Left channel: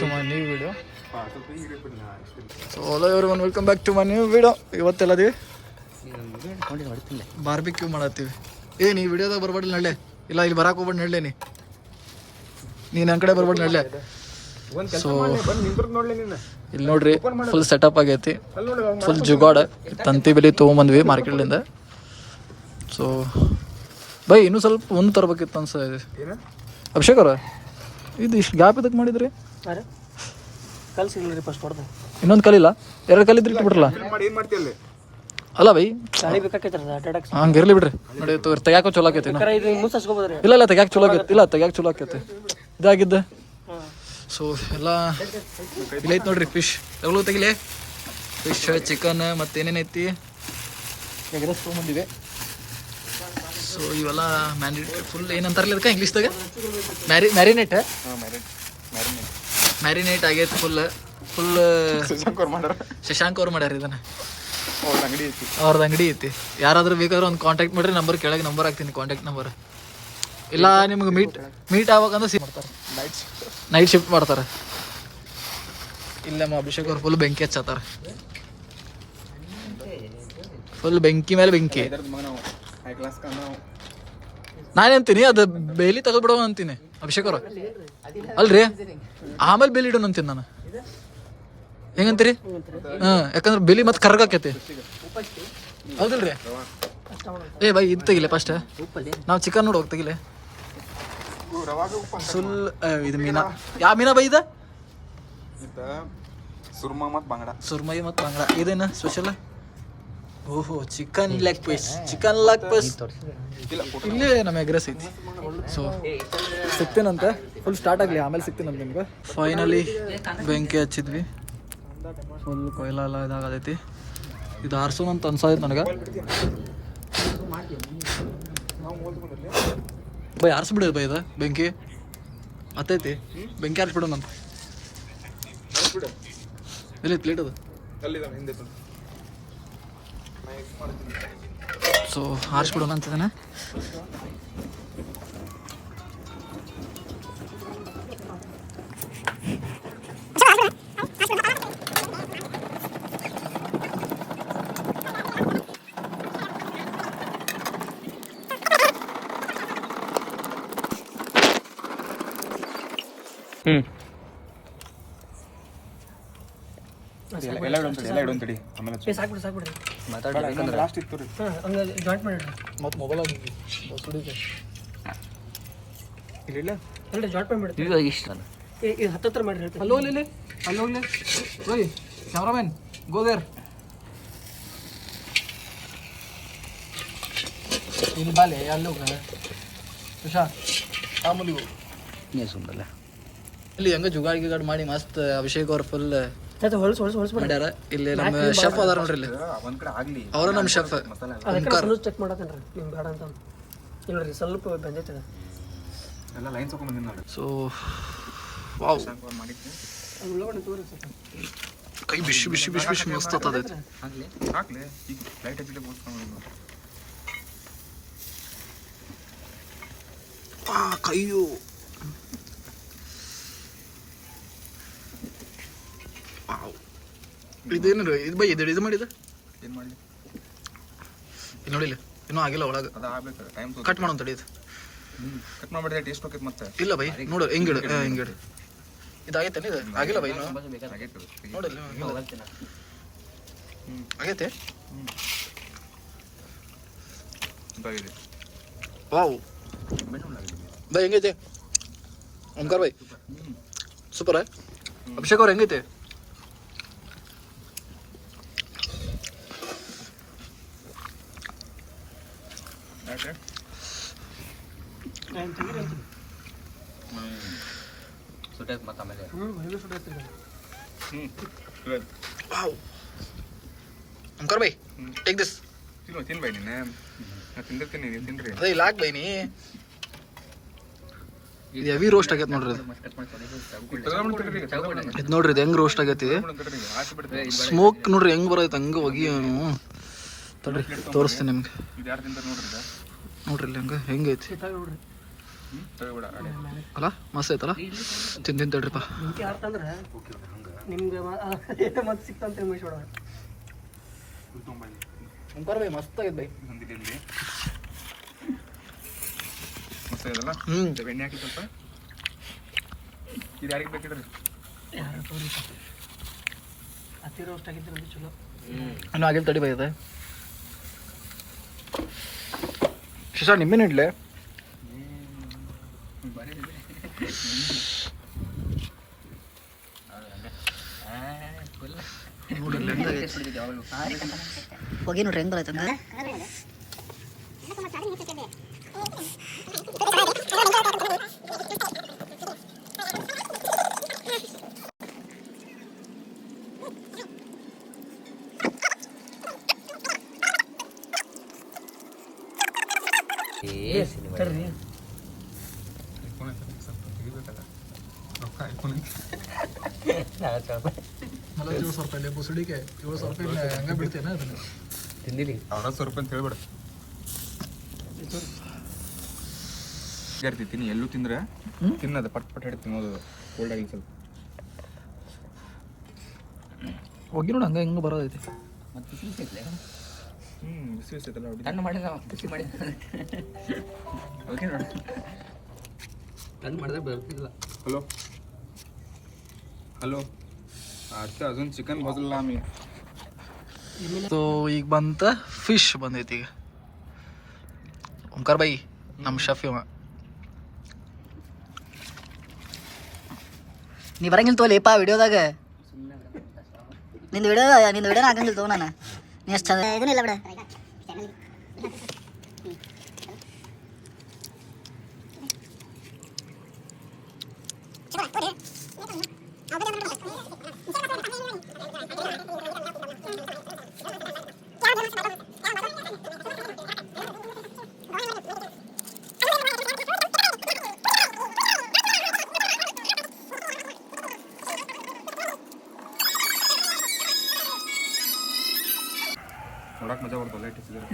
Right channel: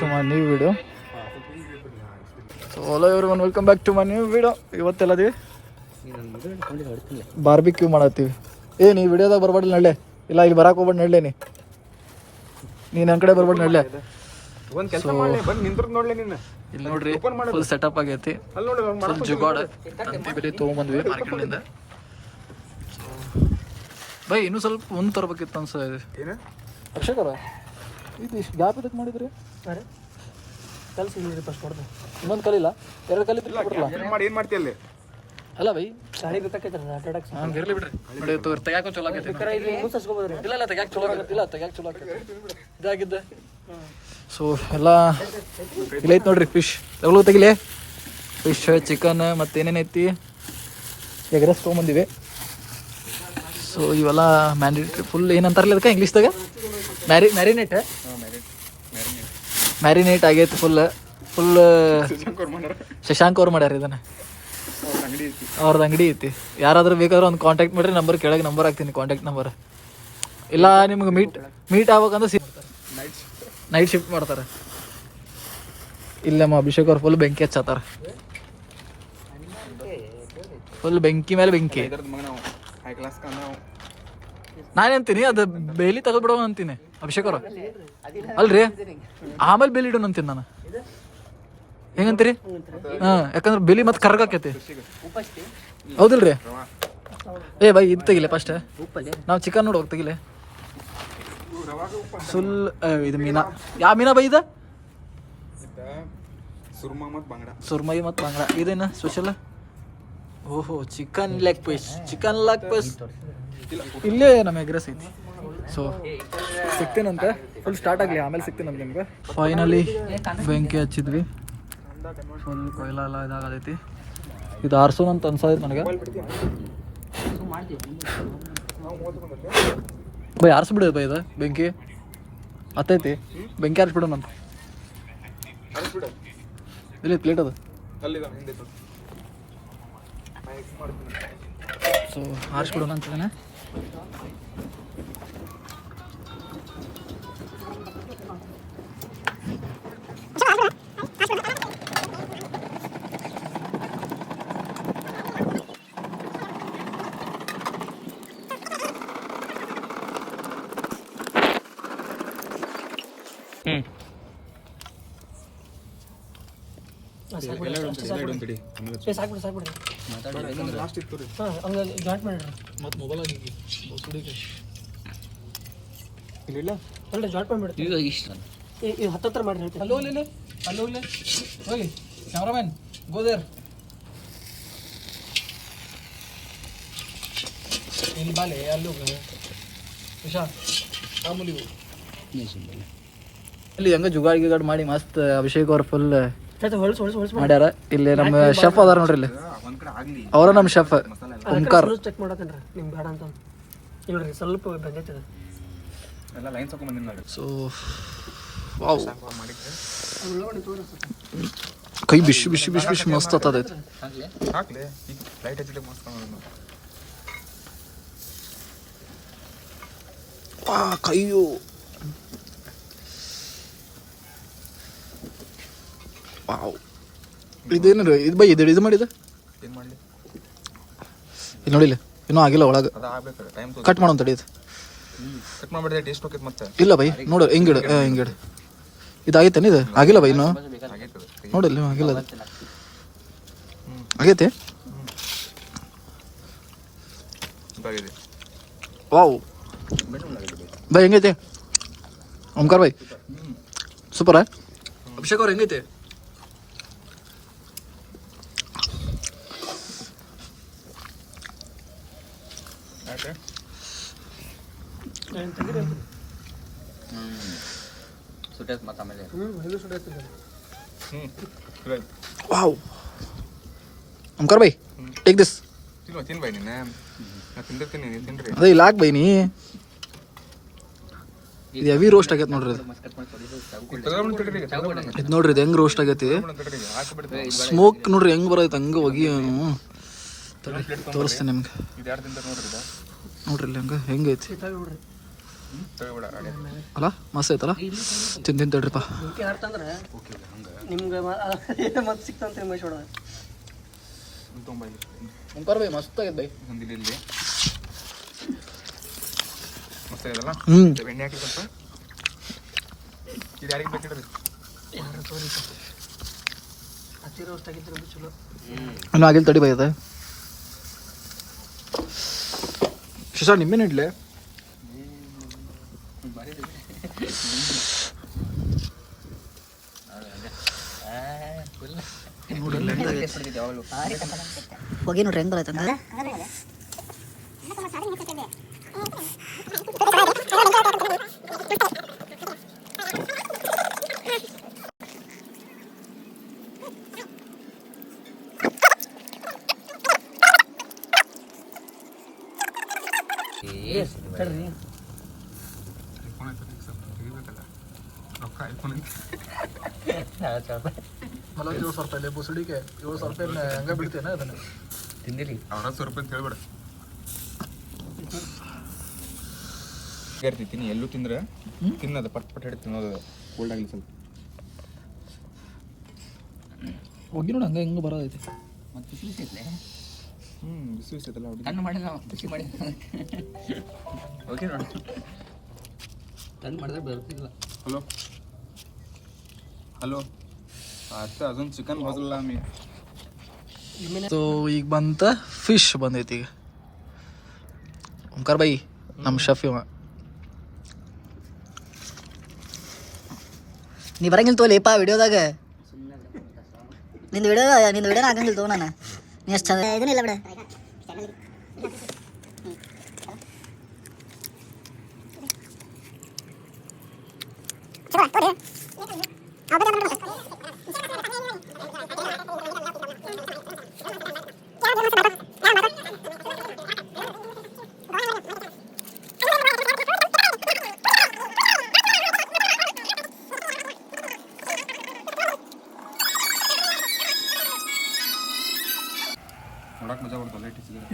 To my new video so hello ಇವ್ರು one welcome back to my new video ಇವತ್ತೆಲ್ಲದೀವಿ barbecue ಮಾಡತ್ತೀವಿ. ಏ ನೀ ವಿಡಿಯೋದಾಗ ಬರ್ಬಾರ್ದು ನಡ್ಲೆ. ಇಲ್ಲ ಇಲ್ಲಿ ಬರಕ್ಕೆ ಹೋಗ್ಬೇಡ ನಡ್ಲೆ ನೀ. ನೀನು ನನ್ನ ಕಡೆ ಬರ್ಬೇಡ ನಡ್ಲೆ. ಸೊ ಇಲ್ಲಿ ನೋಡ್ರಿ ಫುಲ್ ಸೆಟಪ್ ಆಗೈತಿ. ಫುಲ್ ಜುಗಾಡ ತಂತಿ ಬೆಲೆ ತೊಗೊಂಬಂದ್ವಿ ಮಾರ್ಕೆಟ್ಲಿಂದ. ಸೊ ಬೈ ಇನ್ನೂ ಸ್ವಲ್ಪ ಮುಂದೆ ತರಬೇಕಿತ್ತು ಅನ್ಸ ಅಭಿಷೇಕ್ ಅವ್ರ ಇದು ಇಷ್ಟು ಗ್ಯಾಪ್ ಇದಕ್ಕೆ ಮಾಡಿದ್ರಿ? ಕಲ್ ಸಿಗ್ಲಿ ಫಸ್ಟ್ ಹೊಡೆದು. ಇನ್ನೊಂದು ಕಲಿಲ್ಲ ಎರಡು ಕಲಿದ್ರಿ ಬಿಟ್ರಲ್ಲ ಮಾಡಿ ಏನ್ ಮಾಡ್ತೀಯಲ್ಲಿ ಅಲ್ಲ? ಬೈ. ಹಂಗ ಇರ್ಲಿ ಬಿಡ್ರಿ. ನೋಡಿ ತೆಗ್ಯಾಕೋ ಚಲೋ ಆಕೈತಿ ಇಲ್ಲ ಇಲ್ಲ ತೆಗ್ಯಾಕ ಚಲೋ ಆಗೈತಿ ಇಲ್ಲ ತೆಗ್ಯಾಕ ಚಲೋ ಆಕೈತಿ. ಇದಾಗಿದ್ದೆ. ಸೊ ಎಲ್ಲ ಇಲ್ಲ ಐತಿ ನೋಡ್ರಿ ಫಿಶ್ ತಗೊಳ್ಳೋ ತೆಗಿಲೆ. ಫಿಶ್ ಚಿಕನ್ ಮತ್ತೇನೇನೈತಿ ಎಗ್ ರೈಸ್ ತೊಗೊಂಬಂದಿವಿ. ಸೊ ಇವೆಲ್ಲ ಮ್ಯಾಂಡೇಟ್ರಿ ಫುಲ್ ಏನಂತಾರಲ್ಲ ಅದಕ್ಕೆ ಇಂಗ್ಲೀಷ್ದಾಗ ಮ್ಯಾರಿ ಮ್ಯಾರಿನೇಟ್ ಮ್ಯಾರಿನೇಟ್ ಆಗೈತೆ ಫುಲ್ ಫುಲ್ ಶಶಾಂಕ್ ಅವ್ರು ಮಾಡ್ಯಾರ? ಇದನ್ನ. ಅವ್ರದ್ದು ಅಂಗಡಿ ಐತಿ. ಯಾರಾದ್ರೂ ಬೇಕಾದ್ರೆ ಒಂದು ಕಾಂಟ್ಯಾಕ್ಟ್ ಮಾಡ್ರಿ ನಂಬರ್ ಕೆಳಗೆ ನಂಬರ್ ಹಾಕ್ತೀನಿ ಕಾಂಟ್ಯಾಕ್ಟ್ ನಂಬರ್ ಇಲ್ಲ ನಿಮ್ಗೆ ಮೀಟ್ ಮೀಟ್ ಆಗ್ಬೇಕಂದ್ರೆ ಸಿ ಮಾಡ್ತಾರೆ ನೈಟ್ ಶಿಫ್ಟ್ ಮಾಡ್ತಾರೆ ಇಲ್ಲಮ್ಮ ಅಭಿಷೇಕ್ ಅವ್ರು ಫುಲ್ ಬೆಂಕಿ ಹಚ್ಚತ್ತಾರೆ. ಫುಲ್ ಬೆಂಕಿ ಮೇಲೆ ಬೆಂಕಿ. ನಾನೇಂತೀನಿ ಅದು ಬೇಲಿ ತೆಗೆದ್ಬಿಡೋ ಅಂತೀನಿ ಅಭಿಷೇಕ್ ಅವ್ರ. ಅಲ್ರಿ? ಆಮೇಲೆ ಬೆಲಿ ಇಡೋಣ ಅಂತೀನಿ ನಾನು. ಹೆಂಗಂತೀರಿ? ಹಾ, ಯಾಕಂದ್ರೆ ಬೆಲಿ ಮತ್ತೆ ಕರ್ಗಾಕೈತಿ ಹೌದಿಲ್ರಿ? ಏ, ಬೈ, ಇದು ತೆಗಿಲೆ ಫಸ್ಟ್ ನಾವು ಚಿಕನ್ ನೋಡಿ ಹೋಗಿ ತೆಗಿಲೆ. ಸುಲ್ ಇದು ಮೀನಾ. ಯಾವ ಮೀನಾ ಬೈ ಇದ? ಸುರ್ಮ ಮತ್ತು ಬಂಗಡ. ಇದೇನ ಸ್ಪೆಷಲ್ ಓಹೋ, chicken leg piece chicken leg piece ಇಲ್ಲೇ ನಮ್ಮ ಎಗ್ರೆಸ್ ಐತಿ. ಸೊ ಸಿಗ್ತೀನಂತೆ. ಫುಲ್ ಸ್ಟಾರ್ಟ್ ಆಗಲಿ ಆಮೇಲೆ ಸಿಗ್ತೀನಂತ ನಿಮ್ಗೆ? ಫೈನಲಿ ಬೆಂಕಿ ಹಚ್ಚಿದ್ವಿ. ಫುಲ್ ಕೊಯ್ಲ ಎಲ್ಲ ಇದಾಗತೈತಿ. ಇದು ಆರ್ಸೋನಂತ ಅಂತ ಅನ್ಸಾಯ್ತು ನನಗೆ. ಬೈ ಆರಿಸ್ಬಿಡೋದು ಬೈ ಇದು ಬೆಂಕಿ. ಹತ್ತೈತಿ. ಬೆಂಕಿ ಆರಿಸ್ಬಿಡೋಣಂತ ಇಲ್ಲಿ ಪ್ಲೇಟ್ ಅದು? ಸೊ ಆರಿಸ್ಬಿಡೋಣ ಅಂತಿದ್ದಾನೆ ಎಲ್ಲ ಇಡೋಂತಡಿ ಎಲ್ಲ ಆಮೇಲೆ ಏ ಸಾಕ್ಬಿಡ್ರಿ ಸಾಕ್ಬಿಡ್ರಿ ಲಾಸ್ಟ್ ಇತ್ತು ರೀ. ಹಾಂ ಹಂಗೆ ಜಾಯಿಂಟ್ ಮಾಡಿಡ್ರಿ ಮತ್ತೆ ಮೊಬೈಲ್ ಆಗಿ ಇಲ್ಲ ಅಲ್ಲೇ ಜಾಯಿಂಟ್ ಮಾಡಿಬಿಡ್ರಿ ಇಷ್ಟ ಇದು ಹತ್ತತ್ರ ಮಾಡಿರಿ ಹೇಳ್ತೀನಿ. ಹಲೋ ಇಲ್ಲಿ ಹಲೋ ಇಲ್ಲಿ ಓಯ್ ಕ್ಯಾಮ್ರಾಮನ್ ಗೋ ದೇರ್ ಇಲ್ಲಿ ಬಾಲೆ ಅಲ್ಲಿ ಸುಂದಲ್ಲ ಇಲ್ಲಿ ಹೆಂಗ ಜುಗಾಡ್ ಗಿಗಾಡ್ ಮಾಡಿ ಮಸ್ತ್ ಅಭಿಷೇಕ್ ಅವ್ರ ಫುಲ್ ಮಾಡ್ಯಾರ. ಇಲ್ಲಿ ನಮ್ಮ ಶೆಫ್ ಅದಾರ ನೋಡ್ರಿ ಇಲ್ಲಿ. ಅವರ ನಮ್ಮ ಶೆಫ್ ಓಂಕಾರ್. ಚೆಕ್ ಮಾಡತ್ತೇನ್ರಿ. ನಿಮ್ಗೆ ಬೇಡ ಅಂತ ಇಲ್ರಿ ಸ್ವಲ್ಪ ಬೆಂದೈತಿದೆ. ಎಲ್ಲ ಲೈನ್ ತಗೊಂಡ್ ಬಂದಿನ ನೋಡಿ ಸೊ ವಾವ್. ಕೈ ಬಿಸಿ ಬಿಸಿ ಬಿಸಿ ಬಿಸಿ ಮಸ್ತ್ ಆತದ ಕೈಯು. ವಾವ್. ಇದೇನು ರೀ ಇದು ಬೈ ಇದು ಇದು ಮಾಡಿದ? ಏನ್ ಇಲ್ಲಿ ನೋಡಿಲ್ಲ. ಇನ್ನೂ ಆಗಿಲ್ಲ ಒಳಗೆ. ಅದ ಆಗ್ಬೇಕು ಟೈಮ್ ಕಟ್ ಮಾಡೋಣ ತಡಿ ಇದು. ಹ್ಮ್ ಕಟ್ ಮಾಡ್ಬಿಡಿದೆ ಟೇಸ್ಟ್ ಹೋಗ್ತೈತೆ ಮತ್ತೆ. ಇಲ್ಲ ಬೈ ನೋಡು ಹಿಂಗಿಡು ಹಿಂಗಿಡು. ಇದಾಗೈತೇನು ಇದು? ಆಗಿಲ್ಲ ಬೈ ಇನ್ನು? ನೋಡಿಲ್ಲ ಆಗಿಲ್ಲ. ಆಗೈತೆ? ವಾವ್. ಬೈ ಹೆಂಗೈತೆ? ಓಂಕಾರ ಬೈ. ಸೂಪರ್? ಅಭಿಷೇಕ್ ಅವ್ರು ಹೆಂಗೈತೆ? ಹೆವಿ ವಾವ್ ಓಂಕಾರ್ ಬೈ ದಿಸ್ ಬೈ ನಾ. ಹೆವಿ ರೋಸ್ಟ್ ಆಗೈತೆ ನೋಡ್ರಿ ಇದು ನೋಡ್ರಿ ಇದು ಹೆಂಗ್ ರೋಸ್ಟ್ ಆಗೈತಿ? ಸ್ಮೋಕ್ ನೋಡ್ರಿ ಹೆಂಗ್ ಬರೈತೆ ಹಂಗ ಹೋಗಿ ತೋರಿಸ್ತೇನೆ ನಿಮ್ಗೆ. ನೋಡ್ರಿ ಇಲ್ಲಿ ಹಂಗ ಹೆಂಗೈತಿ ಅಲ್ಲ ಮಸ್ತ್ ಐತಲ್ಲ? ತಿಂದು ತಿಂದು ತಡ್ರಿಪ್ಪ. ನಿಮ್ಗೆ ಮತ್ತೆ ಸಿಕ್ತಂತ ಇಲ್ಲಿ ಮುಂಕಾರ ಬೈ ಮಸ್ತ್ ಆಗೈತೆ ಬೈ ಹ್ಞೂ ಎಣ್ಣೆ ಹಾಕಿ ಸ್ವಲ್ಪ ಇದು ಯಾರಿಗೆ ಬೇಕಿದ್ರಿ ಯಾರು ಹತ್ತಿರ ಆಗಿದ್ರೆ ಚಲೋ. ಇನ್ನೂ ಆಗಿಲ್ಲ ತಡಿ ಬೈ ಅದು. ಶಿಶಾ ನಿಮ್ಮೇನು ಇಡ್ಲೆ ಬಾರಿ ನೋಡಿ ಹೊಗೆ ನೋಡ್ರಿ ಹೆಂಗ್ ಬರತ್ತಂದ್ರೆ ತಡ್ರಿ ಐಫೋನ್ ಐತೆ ಸ್ವಲ್ಪ ತೆಗಿಬೇಕಲ್ಲ ರೊಕ್ಕ ಐಫೋನ್ ಮಲೋ ಏಳು ಸಾವಿರ ರೂಪಾಯಿ ಬುಸುಡಿಗೆ ಏಳು ಸಾವಿರ ರೂಪಾಯಿ ಹಂಗೆ ಬಿಡ್ತೇನೆ ಅದನ್ನು? ತಿಂದಿಲಿ. ಅರವತ್ತು ಸಾವಿರ ರೂಪಾಯಿ ಅಂತ ಹೇಳ್ಬೇಡ. ತಿನ್ನಿ. ಎಲ್ಲೂ ತಿಂದ್ರೆ ತಿನ್ನದ ಪಟ್ ಪಟ್ ಹೇಳಿ ತಿನ್ನೋದು ಕೋಲ್ಡ್ ಆಗಲಿ ಸ್ವಲ್ಪ. ಹೋಗಿ ನೋಡಿ ಹಂಗೆ ಹೆಂಗೆ ಬರೋದೈತಿ. ಮತ್ತೆ ಬಿಸಿ ಬಿಸಿ ಐತಲೇ ಹ್ಞೂ ಬಿಸಿ ಬಿಸಿ ಐತಲ್ಲ ಹೊಡಿ ತಣ್ಣು ಮಾಡಿದ ಬಿಸಿ ಮಾಡಿ ಓಕೆ ನೋಡಿ. ತಣ್ಣು ಮಾಡಿದ್ರೆ ಬರ್ತಿಲ್ಲ. ಹಲೋ ಹಲೋ ಅಷ್ಟೇ ಅದೊಂದು ಚಿಕನ್ ಭಾಗಲ್ಲ ಮೀನು ಸೊ ಈಗ ಬಂತ ಫಿಶ್ ಬಂದೈತಿ ಈಗ ಓಂಕಾರ ಬೈ ನಮ್ಮ ಶಫ್ ಇವ ನೀ ಬರಂಗಿಲ್ಲ ತೋಲಿಪ್ಪ ವಿಡಿಯೋದಾಗ ನಿಂದು ವಿಡಿಯೋ ನಿಂದು ವಿಡಿಯೋ ಆಗಂಗಿಲ್ಲ ತೋ ನಾನು ನೀ ಎಷ್ಟು ಚಂದ ಇದನ್ನ ಇಲ್ಲ ಬಿಡ ಅದೇ ನೋಡಕ್ ಮಜಾ ಬರ್ತಲ್ಲ ಲೈಟ್ ಹಚ್ಚಿದ್ರೆ.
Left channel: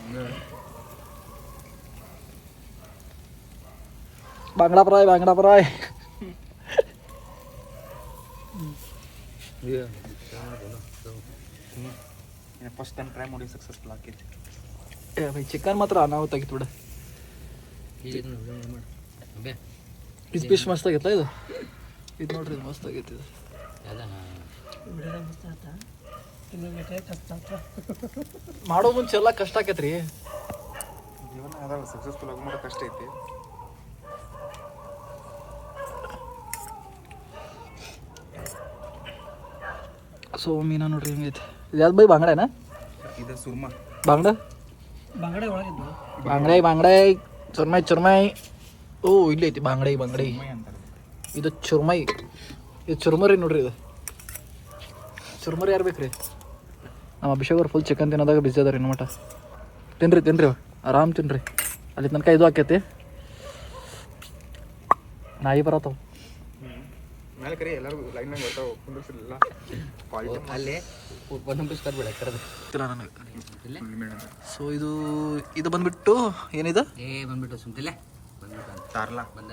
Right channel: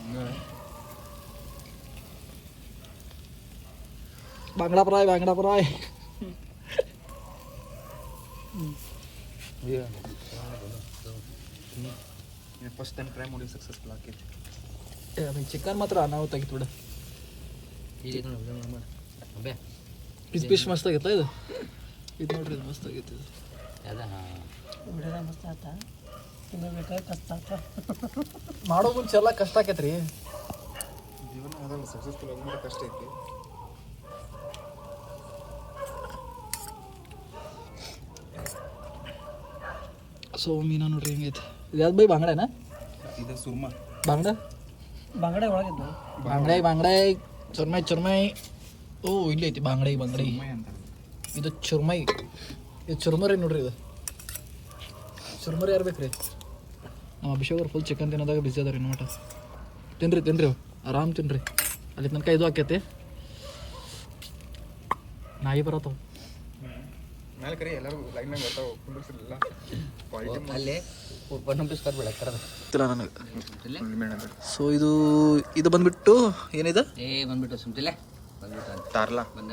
ಹಂಗೆ. ಬಾಂಗ್ಡಾ ಫ್ರಾಯ್ ಬಾಂಗ್ಡಾ ಫ್ರಾಯ್ ಫಸ್ಟ್ ಟೈಮ್ ಟ್ರೈ ಮಾಡಿ ಸಕ್ಸಸ್ಫುಲ್ ಬೈ ಚಿಕನ್ ಮಾತ್ರ ಅನಾಹುತ ಆಗಿತ್ತು ಬಿಡ. ಇದು ಫಿಶ್ ಮಸ್ತ್ ಆಗೈತೆ ಇದು? ಇದು ನೋಡ್ರಿ ಇದು. ಮಸ್ತ್ ಆಗೈತಿ ಇದು ಮಾಡೋ ಮುಂಚೆ ಎಲ್ಲ ಕಷ್ಟ ಆಕೈತ್ರಿ. ಜೀವನ ಅದಲ್ಲ ಸಕ್ಸಸ್ಫುಲ್ ಆಗಿ ಕಷ್ಟ ಐತಿ. ಸೊ ಮೀನಾ ನೋಡ್ರಿ ಹಿಂಗೈತೆ. ಇದು ಯಾವ್ದು ಬೈ ಬಂಗಡೆನ? ಇದು ಸುರ್ಮಾ. ಬಂಗಡೆ? ಬಂಗಡೆ ಒಳಗಿದ್ದು. ಬಾಂಗ್ಡಾಯಿ ಬಂಗಡೆ ಚುರ್ಮೈ ಚುರ್ಮೈ. ಓ ಇಲ್ಲಿ ಐತಿ ಬಂಗಡೆ ಬಂಗಡೆ. ಇದು ಚುರ್ಮೈ. ಇದು ಚುರ್ಮರಿ ನೋಡ್ರಿ ಇದು. ಚುರ್ಮರಿ ಯಾರು ಬೇಕ್ರಿ? ನಮ್ಮ ಅಭಿಷೇಕ್ ಅವ್ರು ಫುಲ್ ಚಿಕನ್ ತಿನ್ನೋದಾಗ ಬಿಸಿ ಅದಾರ ಇನ್ನು ಮಟ ತಿನ್ರಿ ತಿನ್ರಿ ಆರಾಮ್ ತಿನ್ರಿ. ಅಲ್ಲಿ ತನಕ ಇದು ಹಾಕೈತಿ. ನಾಯಿ ಬರತ್ತವ. ಮೇಲೆ ಕರಿ ಎಲ್ಲರೂ ಲೈನ್ನಾಗ ಬರ್ತಾವೆ ಕುಂದಿರ್ಸಿರಲಿಲ್ಲ ಕ್ವಾಲಿಟಿ ಅಲ್ಲೇ ಒಂದು ಪೀಸ್ ಕರ್ಬೇಡ ಕರೆದು ಗೊತ್ತಿಲ್ಲ ನನಗೆ? ಮೇಡಮ್. ಸೊ ಇದು ಇದು ಬಂದ್ಬಿಟ್ಟು ಏನಿದೆ? ಏ ಬಂದ್ಬಿಟ್ಟು ಸುಮ್ತಿಲ್ಲ ಬಂದ್ಬಿಟ್ಟು ಅಂತ. ತಾರ್ಲಾ? ಬಂದ.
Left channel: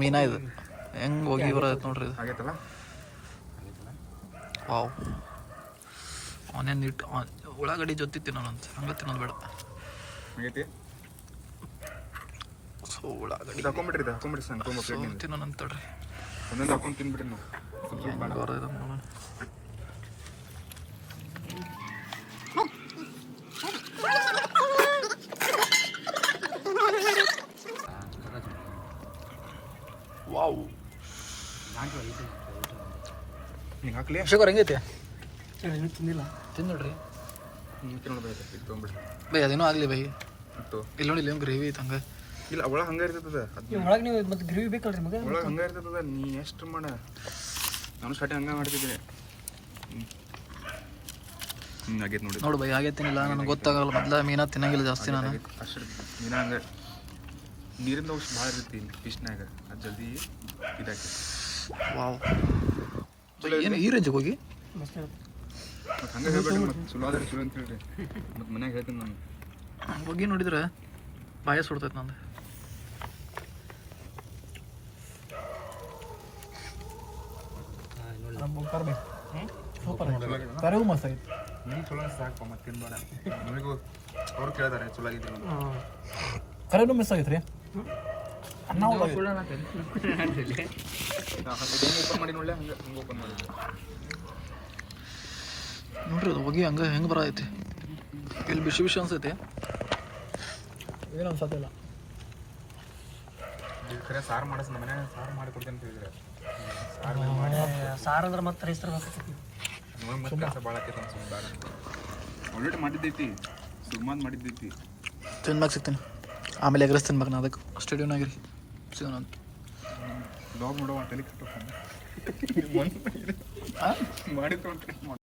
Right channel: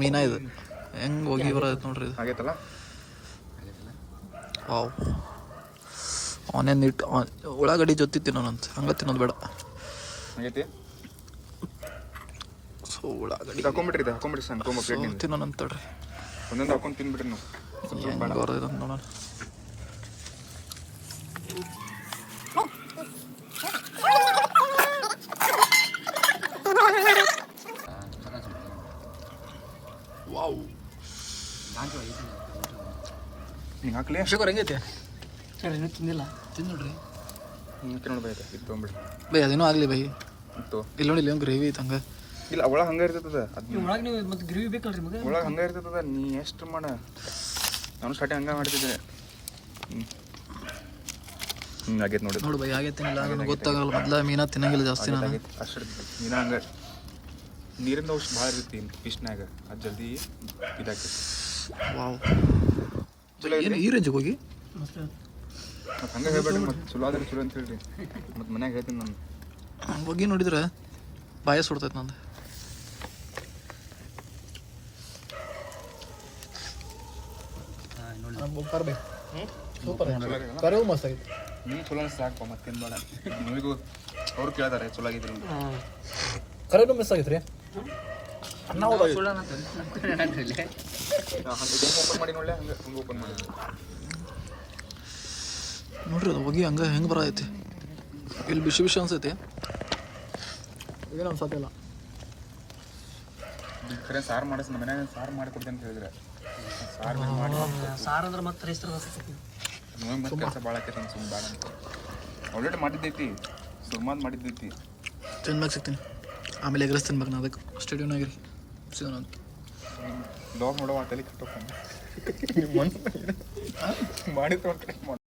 ಮೀನಾ ಇದು. ಹೆಂಗೆ ಹೋಗಿ ಬರೋದು ನೋಡ್ರಿ ಇದು? ಆಗೈತಲ್ಲ ವಾವ್. ಆನಿಯನ್ ಇಟ್ಟು ಉಳ್ಳಾಗಡ್ಡಿ ಜೊತೆ ತಿನ್ನೋಣಂತ. ಹಂಗೆ ತಿನ್ನೋದು ಬೇಡ. ಆಗೈತಿ ಸೊ ಉಳ್ಳಾಗಡ್ಡಿ ಹಾಕೊಂಬಿಟ್ರಿ ಇದು ಹಾಕೊಂಬಿಟ್ರಿ ಸಣ್ಣ ಸೊ ಹಾಕೊಂಬಿಟ್ರಿ ತಿನ್ನೋಣಂತ ತಡ್ರಿ ಒಂದೊಂದು ಹಾಕೊಂಡು ತಿನ್ಬಿಟ್ರಿ ನಾವು ಹೆಂಗೆ ಬರೋದು ನೋಡೋಣ. ವಾವ್. ಹಿಂಗೆ ಹಾಕ್ಲಿ? ಅಭಿಷೇಕ್ ಹೆಂಗೈತೆ? ಸರಿ ಇನ್ನೂ ತಿಂದಿಲ್ಲ. ತಿಂದು ನೋಡ್ರಿ ಹಿಂಗೆ ತಿನ್ನೋದೈತೆ ಇದು ತೊಗೊಂಬಿಡ್ರಿ ಬೈ ಅದೇನೋ ಆಗಲಿ ಬೈ. ಇತ್ತು. ಇಲ್ಲಿ ನೋಡಿ ಇಲ್ಲಿ ಗ್ರೇವಿ ಐತೆ ಹಂಗೆ. ಇಲ್ಲ ಒಳಗೆ ಹಂಗೆ ಇರ್ತದೆ ಒಳಗೆ ನೀವು ಮತ್ತೆ ಗ್ರೇವಿ ಬೇಕಲ್ರಿ ಮಗ? ಒಳಗೆ ಹಂಗೆ ಇರ್ತದ ನೀ ಎಷ್ಟು ಮಾಡ. ನಾನು ಸ್ಟಾರ್ಟಿಂಗ್ ಹಂಗೆ ಮಾಡ್ತಿದ್ದೆ. ಹಿಂಗೆ ಆಗೈತೆ ನೋಡಿ. ನೋಡು ಬೈ ಆಗೈತೇನಿಲ್ಲ ನನಗೆ ಗೊತ್ತಾಗಲ್ಲ ಮೊದ್ಲ ಮೀನಾ ತಿನ್ನಂಗಿಲ್ಲ ಜಾಸ್ತಿ ನಾನು. ಅಷ್ಟು ನೀನು ಹಂಗೆ. ನೀರಿಂದ ಔಷಧ ಭಾಳ ಇರ್ತೈತಿ ಫಿಶ್ನಾಗ ಅದು ಜಲ್ದಿ ಇದಾಕೆ ವಾವ್. ಏನು ಈ ರೇಂಜಿಗೆ ಹೋಗಿ? ಮತ್ತೆ ಹಂಗೆ ಹೇಳ್ಬೇಡ್ರಿ ಮತ್ತೆ ಚಲೋ ಆದ್ರೆ ಚಲೋ ಅಂತ ಹೇಳ್ರಿ. ಮತ್ತೆ ಮನ್ಯಾಗ ಹೇಳ್ತೀನಿ ನಾನು. ಹೋಗಿ ನೋಡಿದ್ರೆ ಬಾಯ ಸುಡ್ತೈತೆ ನಂದು. ಸೂಪರ್ ಕರೆವು ಮಸ್ತ್ ಆಗಿತ್ತು ನೀವು ಚಲೋ ಸಾಕು ಮತ್ತೇನು ಬೇಡ. ನಿಮಗೂ ಅವ್ರು ಕೇಳ್ತಾರೆ ಚಲೋ ಆಗಿದೆ ಕರೆನೂ ಮಿಸ್ ಆಗೈತೆ ರೀ ಅನ್ನ ಓಪನ್ ಮಾಡಿ ನೋಡ್ಲೆ ಹಂಗೆ ಹಂಗೆ ಓಪನ್ ಮಾಡಿ. ನೋಡ್ರಿ ಅದು ಹೋಗಿ ಹಂಗೆ ಹೆಂಗೆ ಬರತೈತಿ. ಇಲ್ಲಿ ಬಿಸಿ ಬಿಸಿ ಅನ್ಸೈತಿ. ಏನು ಅನ್ಸತ್ತಿಲ್ಲ ಸಾರು ಮಾಡಿಸ್ ಮನ್ಯಾಗ ಸಾರು ಮಾಡಿ ಕೊಡ್ತೇನೆ ಸಾರು ಹೇಳಿದ್ರೆ. ಸಾರು ಅಂದ್ರೆ ಮತ್ತೆ ರೈಸ್ರ ಕೆಲಸ ಭಾಳ ಆಲ್ರೆಡಿ ಮಾಡಿದ್ದೈತಿ ಸುರ್ಮಾದ್ ಮಾಡಿದ್ದೈತಿ. ತಿನ್ಬೇಕು ಸಿಗ್ತೀನಿ. ಆಮೇಲೆ ಎಗ್ರೆಸ್ ತಿನ್ಬೇಕು ನಾ ಅದಕ್ಕೆ. ಸ್ಟೇಡಿಯೋನಾಗಿರಿ ಸಿಗೋಣ ಅಂತ. ಬ್ಲಾಗ್ ನೋಡೋ ತಲೆ ಕಟ್ಟೋಕೊಂಡು ಮಾಡಿದ್ದು